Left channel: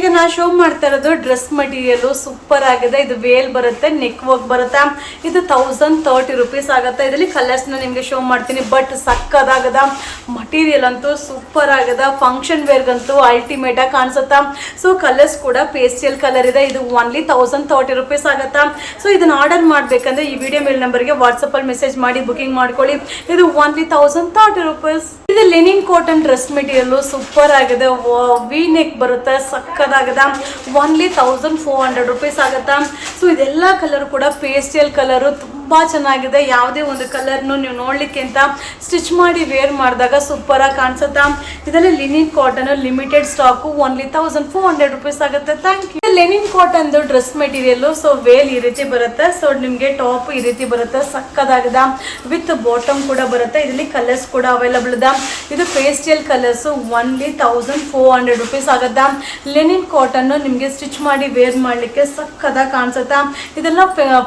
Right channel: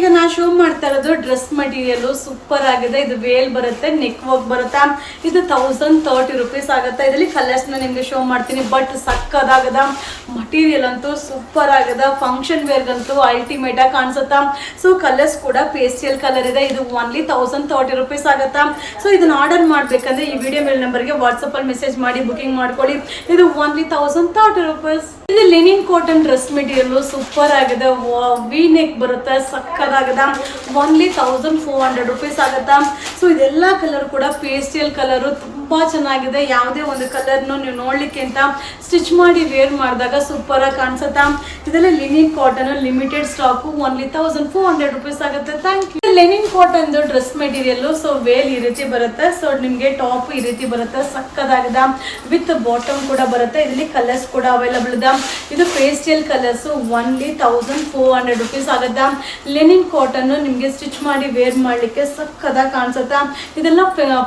ಈಗ ನಾ ಶೋ ಮಾಡ್ತಾ ಇರೋದು ಡ್ರೆಸ್ ಮಟೀರಿಯಲ್ ಸೂಪರ್ ಆಗಿದೆ. ಇದು ವೇಲ್ ಬರುತ್ತೆ, ನೆಕ್ ವರ್ಕ್ ಬರುತ್ತೆ. ಇದು 1030 ರೂಪೀಸ್ ಆಗುತ್ತೆ. ಇದರಲ್ಲಿ ಕಲರ್ಸ್ ನಿಮಗೆ ಶೋ ಮಾಡ್ತೀನಿ. ಬಟ್ ಸಕ್ಕದಾಗದ ಮಟೀರಿಯಲ್ ಅಂತೂ ಸೂಪರ್ ಆಗದ. ಫಂಕ್ಷನ್ ವೇರ್ಗಂತೂ ಅಲ್ಟಿಮೇಟ್ ಆಗಿ ಕಾಣಿಸುತ್ತಾ. ಸೊ ಕಲರ್ಸ್ ಕೂಡ ಪೇಸ್ಟಲ್ ಕಲರ್ ಇದೆ. ಇದು ಓನ್ಲಿ 1030 ರೂಪೀಸ್ ಆಗುತ್ತಾ. ಸೊ ಇದನ್ನ ಆರ್ಡರ್ ಮಾಡ್ಬೇಕಂದ್ರೆ ಈ ವಿಡಿಯೋ ಮೇಲ್ ನಂಬರ್ಗೆ ವಾಟ್ಸಪ್ ಅಲ್ಲಿ ಮೆಸೇಜ್ ಮಾಡಿ ಬುಕಿಂಗ್ ಮಾಡ್ಕೊಳ್ಳಿ. ಇದು ಓನ್ಲಿ 1030 ರೂಪೀಸ್. ಇದು linen cotton dress material super ಆಗಿದೆ. ವಿ ನೆಕ್ ಬರುತ್ತೆ, ಸಕ್ಕದಾಗದ. ಓನ್ಲಿ 1400 ರೂಪೀಸ್ ಆಗುತ್ತಾ. ಸೊ ಇದೆಲ್ಲ ಕಲರ್ ಕೂಡ ಪೇಸ್ಟಲ್ ಕಲರು, ತುಂಬಾ ಚೆನ್ನಾಗಿದೆ. ಯಾವುದೇ ಒಂದು ಕಲರ್ನು ನೀವು ನೋಡ್ಲಿಕ್ಕಿಂತ ಸ್ಟಿಚ್ ಮಾಡಿ ವೇರ್ ಮಾಡಿದಾಗ ಸೂಪರ್ ಆಗಿ ಕಾಣಿಸುತ್ತಾ. ಇದೆಲ್ಲ linen cotton limited stock. Only 1400 rupees ಆಗುತ್ತೆ. Thank you. Linen cotton dress material. So veil ಈ ರೀತಿ ಬರುತ್ತೆ. ಸೊ ನಿಮಗೆ ಟಾಪ್ ಈ ರೀತಿ ಬರುತ್ತೆ, ಸಕ್ಕದಾಗದ. ವಿತ್ ಬಾಟಮ್ ಕೂಡ ಬರುತ್ತೆ. ಇದರಲ್ಲಿ ಕಲರ್ಸ್ ಕೂಡ ಅವೈಲಬಲ್ ಇದೆ. ಇದು ಪೇಸ್ಟಲ್ ಕಲರ್ಸ್. ಓನ್ಲಿ 1400 ರೂಪೀಸ್ ಆಗುತ್ತಾ. ಲೆನಿನ್ ಕಾಟನ್ ನಿಮಗೆ ಸ್ಟಿಚ್ ಮಾಡಿ ವೇರ್ ಮಾಡಲಿಕ್ಕೆ ಸಕ್ಕದಾಗಿ ಕಾಣಿಸುತ್ತಾ. ಇದೆಲ್ಲ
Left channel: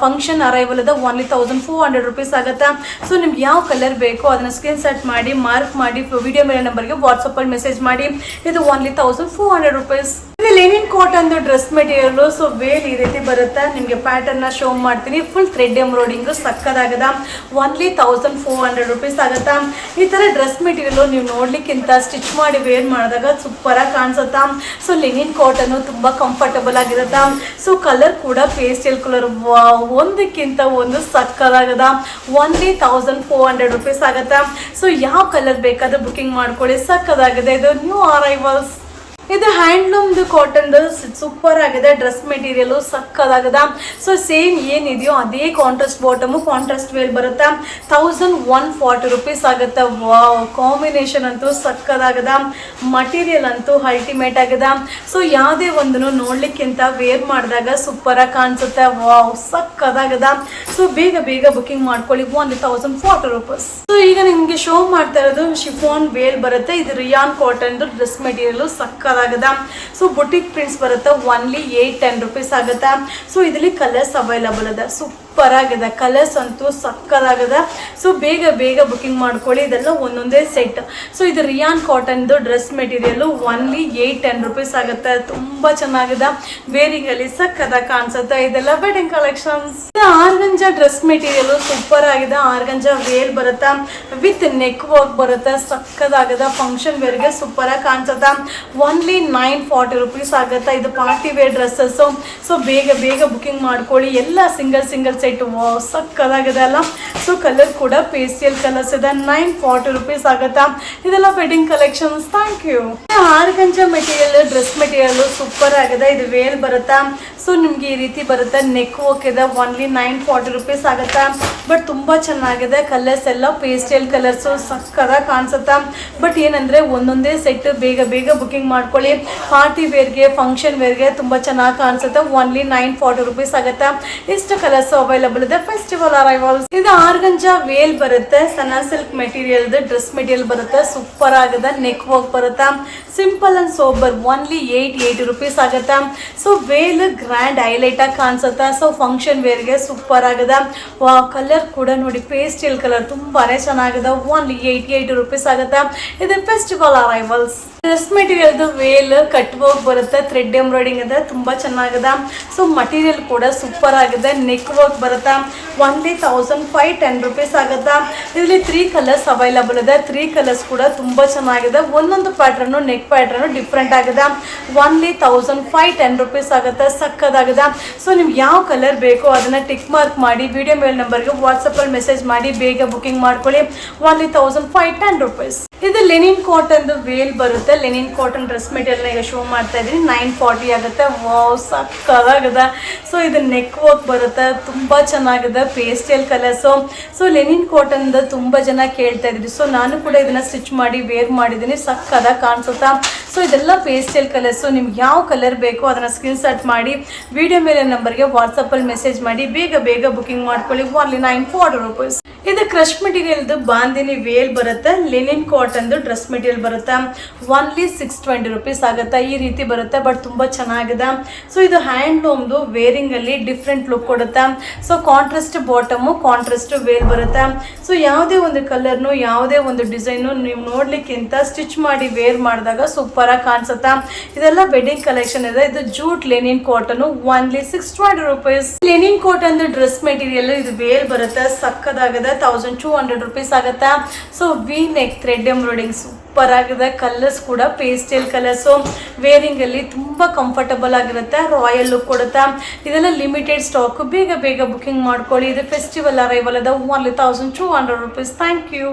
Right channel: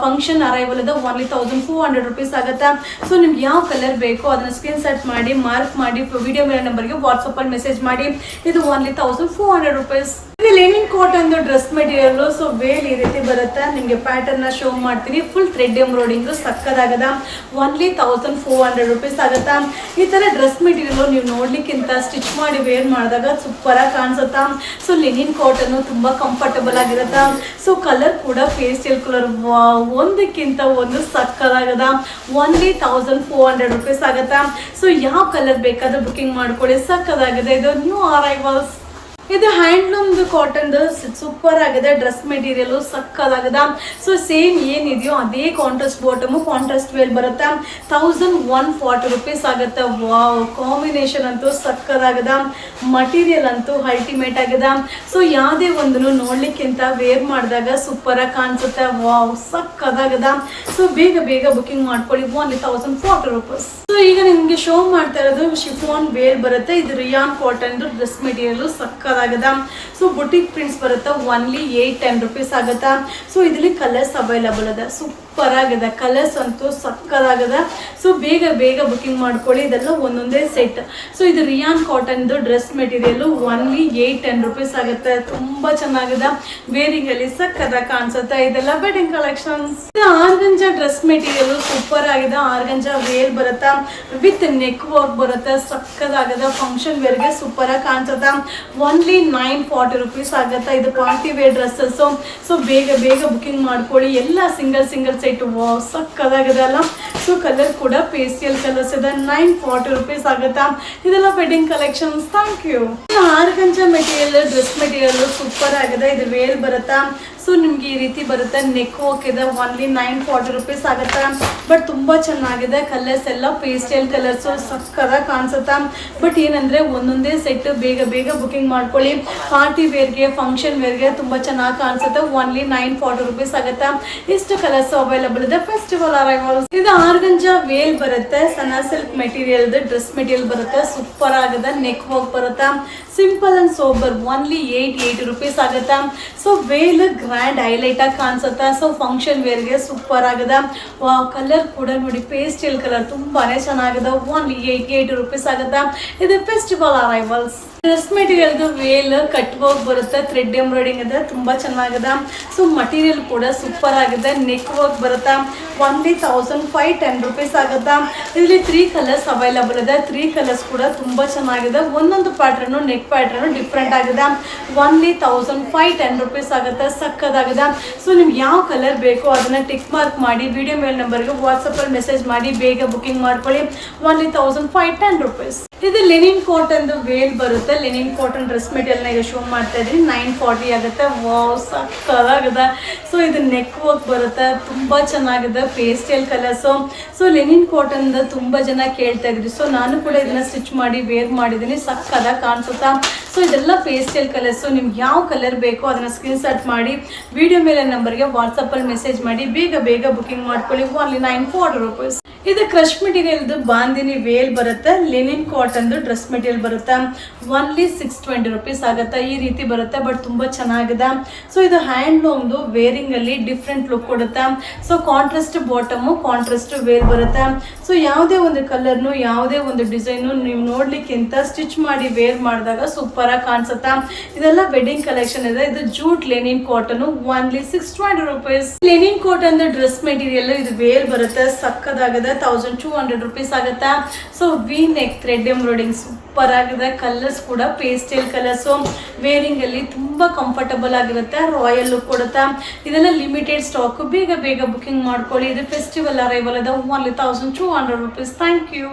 ಫಂಕ್ಷನ್ ಅರೈವಲ್ ಇದೆ. ಓನ್ಲಿ 1400 ರೂಪೀಸ್ ಆಗುತ್ತಾ. ಸೊ ನಿಮ್ಗೆ ಯಾವ ಕಲರ್ ಬೇಕೋ ಅದನ್ನ ಸ್ಕ್ರೀನ್ ಶಾಟ್ ಮಾಡಿ ಮಾರ್ಕ್ ಮಾಡಿ ವಿಡಿಯೋ ಮೇಲೆ ನಂಬರ್ಗೆ ವಾಟ್ಸಪ್ ಅಲ್ಲಿ ಮೆಸೇಜ್ ಮಾಡಿ. ಇದು ಓನ್ಲಿ 1400 ರೂಪೀಸ್. ಇದು linen cotton dress material. So veil ಈ ರೀತಿ ಬರುತ್ತೆ. ನಿಮಗೆ ಪ್ಯಾಟರ್ನ್ ಶೋ ಮಾಡ್ತೀನಿ. ಫುಲ್ ಥ್ರೆಡ್ ಎಂಬ್ರಾಯ್ಡಿಂಗ್ ಸಕ್ಕದಾಗದ. ಓನ್ಲಿ 1400 ರೂಪೀಸ್ ಆಗುತ್ತಾ. ಈ ತರ ಡ್ರೆಸ್ ಮೆಟೀರಿಯಲ್ ನೀವು ನೋಡ್ಲಿಕ್ಕಿಂತ ಸ್ಟಿಚ್ ಮಾಡಿ ವೇರ್ ಮಾಡಿದಾಗ ಸೂಪರ್ ಆಗಿ ಕಾಣಿಸುತ್ತಾ. ಸೊ ಲೆನಿನ್ ಕಾಟನ್ ತುಂಬಾ ಕಂಫರ್ಟಬಲ್ ಆಗಿರುತ್ತೆ. ಸೊ ಕಲರ್ ಕೂಡ ಪೇಸ್ಟಲ್ ಕಲರ್, ಒಂದಕ್ಕಿಂತ ಒಂದು ಸಕ್ಕದಾಗದ. ಓನ್ಲಿ 1400 ರೂಪೀಸ್ ಆಗುತ್ತಾ. ಸೊ ಯಾವ ಕಲರ್ ಬೇಕಾದ್ರೂ ಬುಕಿಂಗ್ ಮಾಡ್ಕೊಳ್ಳಿ, ಸಕ್ಕದಾಗಿದೆ. ಇದು ನ್ಯೂ ಅರೈವಲ್ಸ್. ಇದು ಹ್ಯಾಂಡ್ಲೂಮ್ ಕಾಟನ್ ಸೂಪರ್ ಆಗಿದೆ. ಡ್ರೆಸ್ ಮೆಟೀರಿಯಲ್ ಸಕ್ಕದಾಗದ. ಸೊ ಸೇಮ್ ಏನಿದೆಯೋ ಅದೇ ಕಾಂಟ್ರಾಸ್ಟ್ ಬಾಟಮ್, ಕಾಂಟ್ರಾಸ್ಟ್ ವೇಲ್ ಬರುತ್ತೆ. 1140 ರೂಪೀಸ್ ಆಗುತ್ತೆ. ವಾವ್, ಕಾಂಬಿನೇಷನ್ ಅಂತೂ ಸಕ್ಕದಾಗದ. ಮಟೀರಿಯಲ್ ಅಂತೂ ಅಲ್ಟಿಮೇಟ್ ಆಗಿದೆ. ಸೊ ಯಾವುದೇ ಒಂದನ್ನು ನೋಡ್ಲಿಕ್ಕಿಂತ ವೇರ್ ಮಾಡಿದಾಗ ಸೂಪರ್ ಆಗಿ ಕಾಣಿಸುತ್ತೆ. ವಾವ್, ಸಕ್ಕದಾಗದ. ಸೊ ಬೇಗ ಬೇಗ ಬುಕಿಂಗ್ ಮಾಡ್ಕೊಳ್ಳಿ. Only 1040 rupees. ಸೊ ಈಗ ನಿಮ್ಗೆ ಶೋ ಮಾಡ್ತಾ ಇರೋದು ಶಿಫಾನ್ ವೇಲ್ ಬರುತ್ತೆ. ಇದು ರಿಯಾನ್ ಕಾಟನ್ ಡ್ರೆಸ್ ಮೆಟೀರಿಯಲ್ ಸಕ್ಕದಾಗದ. ಸೊ ಬುಟಿಕ್ ಪ್ರಿಂಟ್ಸ್ ಬರುತ್ತೆ. ಓನ್ಲಿ 810 ರೂಪೀಸ್ ಆಗುತ್ತೆ. ಸೊ ಇದರಲ್ಲಿ ಕಲರ್ಸ್ ಅವೈಲಬಲ್ ಇದೆ. ಸೂಪರ್ ಆಗಿದೆ. ಕಲರ್ಸ್ ಅಂತೂ ಸಕ್ಕದಾಗಿದೆ. ಸೊ ಬೇಗ ಬೇಗ ಬುಕಿಂಗ್ ಮಾಡ್ಕೊಳ್ಳಿ. ಇದೆಲ್ಲ ಒಂದೊಂದೇ ಸೆಟ್. ಸೊ ಇದು rayon cotton dress material. Only 810 rupees ಆಗುತ್ತೆ. ತುಂಬಾ ಚೆನ್ನಾಗಿದೆ. ವೇರಿಂಗ್ ಅಲ್ಲಿ ಸಕ್ಕದಾಗಿ ಕಾಣಿಸುತ್ತೆ. ಇದೆಲ್ಲ wedding collections. Organza dress material super ಆಗಿದೆ. ಆರ್ಗಂಜಾ ವೇರ್ ಬರುತ್ತೆ, ವಿತ್ ನೆಕ್ ವರ್ಕ್ ಬರುತ್ತೆ, ಸಕ್ಕದಾಗಿದೆ. ಫಂಕ್ಷನ್ ವೇರ್ಗೆ ಸೂಪರ್ ಆಗಿ ಕಾಣಿಸುತ್ತೆ. ಓನ್ಲಿ 940 ರೂಪೀಸ್ ಆಗುತ್ತೆ. ಇದು ಪಾರ್ಟಿ ವೇರ್ ಡ್ರೆಸ್ಸಸ್. ಸೊ ಬೇಗ ಬೇಗ ಬುಕಿಂಗ್ ಮಾಡ್ಕೊಳ್ಳಿ. ಎಲ್ಲ ಸಿಂಗಲ್ ಸಿಂಗಲ್ ಸೆಟ್. ಸಕ್ಕದಾಗಿದೆ ಅಲ್ಲ. ಸೊ ಕಲರ್ ಕೂಡ ಪೇಸ್ಟಲ್ ಕಲರ್ಸ್ ಇದೆ. 940 ರೂಪೀಸ್ ಆಗುತ್ತಾ. ಇದೆಲ್ಲ wedding collections. Thank you. Organza material dress material super ಆಗಿದೆ. ಇದು ವೇಲ್ ಬರುತ್ತಾ. ಸೊ ನಿಮ್ಗೆ ಈ ರೀತಿ ಬರುತ್ತೆ. ನೆಕ್ ವರ್ಕ್ ಇದೆ. ಓನ್ಲಿ 940 ರೂಪೀಸ್ ಆಗುತ್ತಾ. ಬಟ್ ತುಂಬಾ ಚೆನ್ನಾಗಿದೆ. ಕಲರ್ಸ್ ಎಲ್ಲ ಪೇಸ್ಟಲ್ ಕಲರ್ಸ್, ಸಕ್ಕದಾಗಿ ಕಾಣಿಸುತ್ತಾ. ಬಟ್ ಏನಂದ್ರೆ ಒಂದೊಂದೇ ಸೆಟ್. ಬೇಗ ಬೇಗ ಬುಕಿಂಗ್ ಮಾಡ್ಕೊಳ್ಳಿ. ಪಾರ್ಟಿ ವೇರ್ಗೆ, ಫಂಕ್ಷನ್ ವೇರ್ಗೆ ತುಂಬಾ ಚೆನ್ನಾಗಿ ಕಾಣಿಸುತ್ತೆ. ಓನ್ಲಿ 940 ರೂಪೀಸ್ ಆಗುತ್ತಾ. ಇಷ್ಟು ಕಲರ್ಸ್ ಅವೈಲಬಲ್ ಇದೆ. Festival arrivals. ಇದು ಆರ್ಗಂಜಾ ವೇಲ್ ಬರುತ್ತೆ. ಸಣ್ಣ ಸಿಲ್ಕ್ ಮೆಟೀರಿಯಲ್ ಡ್ರೆಸ್ ಮೆಟೀರಿಯಲ್ ಬರುತ್ತೆ. ಸೂಪರ್ ಆಗಿದೆ. ನೆಕ್ ವರ್ಕ್ ಬರುತ್ತಾ. Simple and sober. Only 880 rupees ಆಗುತ್ತಾ. ಸೊ ವೇಲ್ ಗ್ರ್ಯಾಂಡ್ ಹೈಲೈಟ್ ಆಗಿ ಕಾಣಿಸುತ್ತೆ. ಸೊ ಫಂಕ್ಷನ್ ವೇರ್ಗೆ ಸೂಪರ್ ಆಗಿದೆ. ಕಲರ್ ಕೂಡ ನೋಡಿ ಪೇಸ್ಟಲ್ ಕಲರ್ ತುಂಬಾನೇ ಚೆನ್ನಾಗಿದೆ. ಓನ್ಲಿ 880 ರೂಪೀಸ್ ಆಗುತ್ತಾ. ಇದು festival arrivals. Dress material veil cut work ಬರುತ್ತೆ. ಥ್ರೆಡ್ ಎಂಬ್ರಾಯ್ಡಿಂಗ್ ಇದೆ. ತುಂಬಾ ಚೆನ್ನಾಗಿದೆ. ಸೊ ಮಟೀರಿಯಲ್ ಕೂಡ ಸೂಪರ್ ಆಗಿದೆ. ನೆಕ್ ವರ್ಕ್ ಬರುತ್ತೆ. ಓನ್ಲಿ 1510 ರೂಪೀಸ್ ಆಗುತ್ತಾ. ಇದರಲ್ಲಿ 3 ಕಲರ್ಸ್ ಅವೈಲಬಲ್ ಇದೆ. 3 ಕಲರ್ಸ್ ಕೂಡ ತುಂಬಾ ಚೆನ್ನಾಗಿದೆ. ಒಂದೊಂದು ಪ್ಯಾಟರ್ನು, ನೆಕ್ ಪ್ಯಾಟರ್ನು ಡಿಫ್ರೆಂಟ್ ಆಗಿದೆ. ಓನ್ಲಿ 1510 ರೂಪೀಸ್ ಆಗುತ್ತೆ. ಸಕ್ಕದಾಗಿದೆ. ಸೊ ನಿಮ್ಗೆ ಯಾವ ಕಲರ್ ಬೇಕೋ ಅದನ್ನ ಟಿಕ್ ಮಾರ್ಕ್ ಮಾಡಿ ವಿಡಿಯೋ ಮೇಲ್ ನಂಬರ್ಗೆ ವಾಟ್ಸಪ್ ಅಲ್ಲಿ ಮೆಸೇಜ್ ಮಾಡಿ ಬೇಗ ಬುಕಿಂಗ್ ಮಾಡ್ಕೊಳ್ಳಿ. Only 1510 rupees. ಇದು ಲೆನಿನ್ ಕಾಟನ್ ವೇಲ್ ಬರುತ್ತೆ. Linen cotton dress material show ಮಾಡ್ತಾ ಇದ್ದೀನಿ. 940 ಆಗುತ್ತೆ. ವಾವ್, ಸಕ್ಕದಾಗಿದೆ. ಸೊ ಇದು ನೆಕ್ ವರ್ಕ್ ಬರುತ್ತೆ. ತುಂಬಾ ಚೆನ್ನಾಗಿದೆ. Pastel colours. So linen cotton ತುಂಬಾ ಜನ ಕೇಳ್ತಾ ಇದ್ರಿ. ಸೊ ನಾನು ಕೂಡ ಇದನ್ನ ಸ್ಟಿಚ್ ಮಾಡಿ ವೇರ್ ಮಾಡಿದ್ದೀನಿ. ಸಕ್ಕದಾಗಿ ಕಾಣಿಸುತ್ತಾ. ಸೊ ಇದೆಲ್ಲ ಪೇಸ್ಟಲ್ ಕಲರ್ಸು. ನಿಮ್ಗೆ ಯಾವ ಕಲರ್ ಬೇಕೋ ಅದನ್ನ ಸ್ಕ್ರೀನ್ ಶಾಟ್ ಮಾಡಿ ವಿಡಿಯೋ ಮೇಲೆ ನಂಬರ್ಗೆ ವಾಟ್ಸಪ್ ಅಲ್ಲಿ ಮೆಸೇಜ್ ಮಾಡಿ ಬೇಗ ಬೇಗ ಬುಕಿಂಗ್ ಮಾಡ್ಕೊಳ್ಳಿ. Only 940 rupees. ಇದು ಕ್ರಶ್ ಮೆಟೀರಿಯಲ್ ಬಾಂದಿನಿ ವೇಲ್ ಬರುತ್ತೆ. ಲೆನಿನ್ ಕಾಟನ್ ಡ್ರೆಸ್ ಮೆಟೀರಿಯಲ್ ಬರುತ್ತೆ. ಓನ್ಲಿ 620 ರೂಪೀಸ್ ಆಗುತ್ತೆ. ಈ ರೀತಿ ಬರುತ್ತೆ. ಬಟ್ ತುಂಬಾ ಚೆನ್ನಾಗಿದೆ. ಸೊ ಇದು ಹ್ಯಾಂಡ್ಲೂಮ್ದು ವೇರಿಂಗ್ ಅಲ್ಲಿ ಡಿಫ್ರೆಂಟ್ ಲುಕ್ ಕೊಡುತ್ತೆ. So contrast bottom, contrast veil ಬರುತ್ತೆ. ಸೊ ಯಾವುದೇ ಒಂದು ಕಲರ್ನು, ಯಾವುದೇ ಒಂದು ಡಿಸೈನು ನೀವು ನೋಡ್ಲಿಕ್ಕಿಂತ ಸ್ಟಿಚ್ ಮಾಡಿ ವೇರ್ ಮಾಡಿದಾಗ ಸೂಪರ್ ಸೂಪರ್ ಆಗಿ ಕಾಣಿಸುತ್ತೆ. ಇದೆಲ್ಲ ವೆಡ್ಡಿಂಗ್ ಕಲೆಕ್ಷನ್ ಇದೆ. ಇದು jute linen cotton, only 620 rupees. Lenin cotton dress material, ಇದು ವೇಲ್ ಬರುತ್ತೆ, ಸಕ್ಕದಾಗಿದೆ, 1200 rupees ಆಗುತ್ತೆ. So we neck thread embroidering super ಆಗಿದೆ. ಕಲರ್ಸ್ ಕೂಡ ಪೇಸ್ಟಲ್ ಕಲರ್ಸ್, ವೇರಿಂಗ್ ಅಲ್ಲಿ ತುಂಬಾ ಕಂಫರ್ಟಬಲ್ ಆಗಿರುತ್ತೆ, ರಾಯಲ್ ಲುಕ್ ಕೊಡುತ್ತೆ. ಇದೆಲ್ಲ ಲಿಮಿಟೆಡ್ ಸ್ಟಾಕ್, ಬೇಗ ಬೇಗ ಬುಕಿಂಗ್ ಮಾಡ್ಕೊಳ್ಳಿ. ಇದು ಫೆಸ್ಟಿವಲ್ ಅರೈವಲ್ ಅದ, ಓನ್ಲಿ 1200 rupees. Thank you.